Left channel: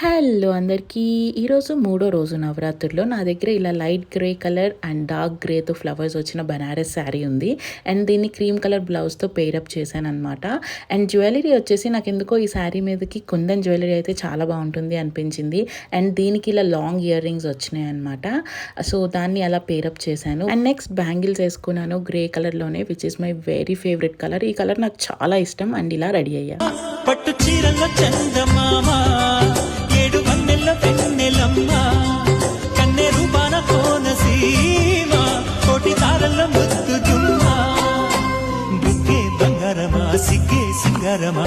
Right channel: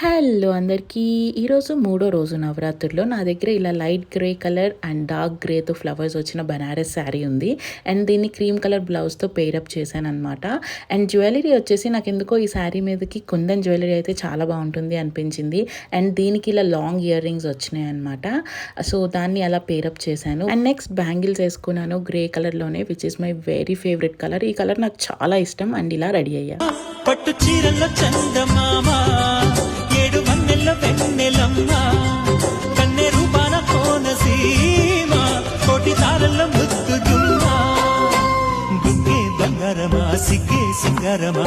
Hello అందరికీ! ఈరోజు మూడో రోజు నవరాత్రుల్లో నా దగ్గర ఇలా light grey colour and dark గ్రేతో ఫ్లవర్స్ వచ్చిన బనారస్ శారీ ఉంది. అండ్ దీన్ని క్రీమ్ కలర్ బ్లౌజ్తో పేరప్ చేశాననమాట. అండ్ జ్యువెలరీ వచ్చేసి నాకు ఎందుకో ఈ శారీ మీదకి కుందన్ జ్యువెలరీ అయితే చాలా బాగుంటుంది అనిపించింది. అండ్ దీనికి ఇలా లాంగ్ ఇయర్ రింగ్స్ వచ్చినాయి అనమాట. సో దాన్ని అలా పేరప్ చేశాను. అండ్ నెక్స్ట్ బ్యాంగిల్స్ వేసుకున్నాను గ్రే కలర్లోనే, which is my very favourite colour. ఈ కలర్ నాకు చాలా ఇష్టం. అండ్ ఇలా రెడీ అయ్యా. పట్టు చీరల చందమామ, ఏడు వన్నెల వెన్నెలమ్మ, కన్నె రూపాన కోనసీమ, కోటి తారల ముద్దుగుమ్మ, బుగ్గే బంగారమా సిగ్గే సింగారమా.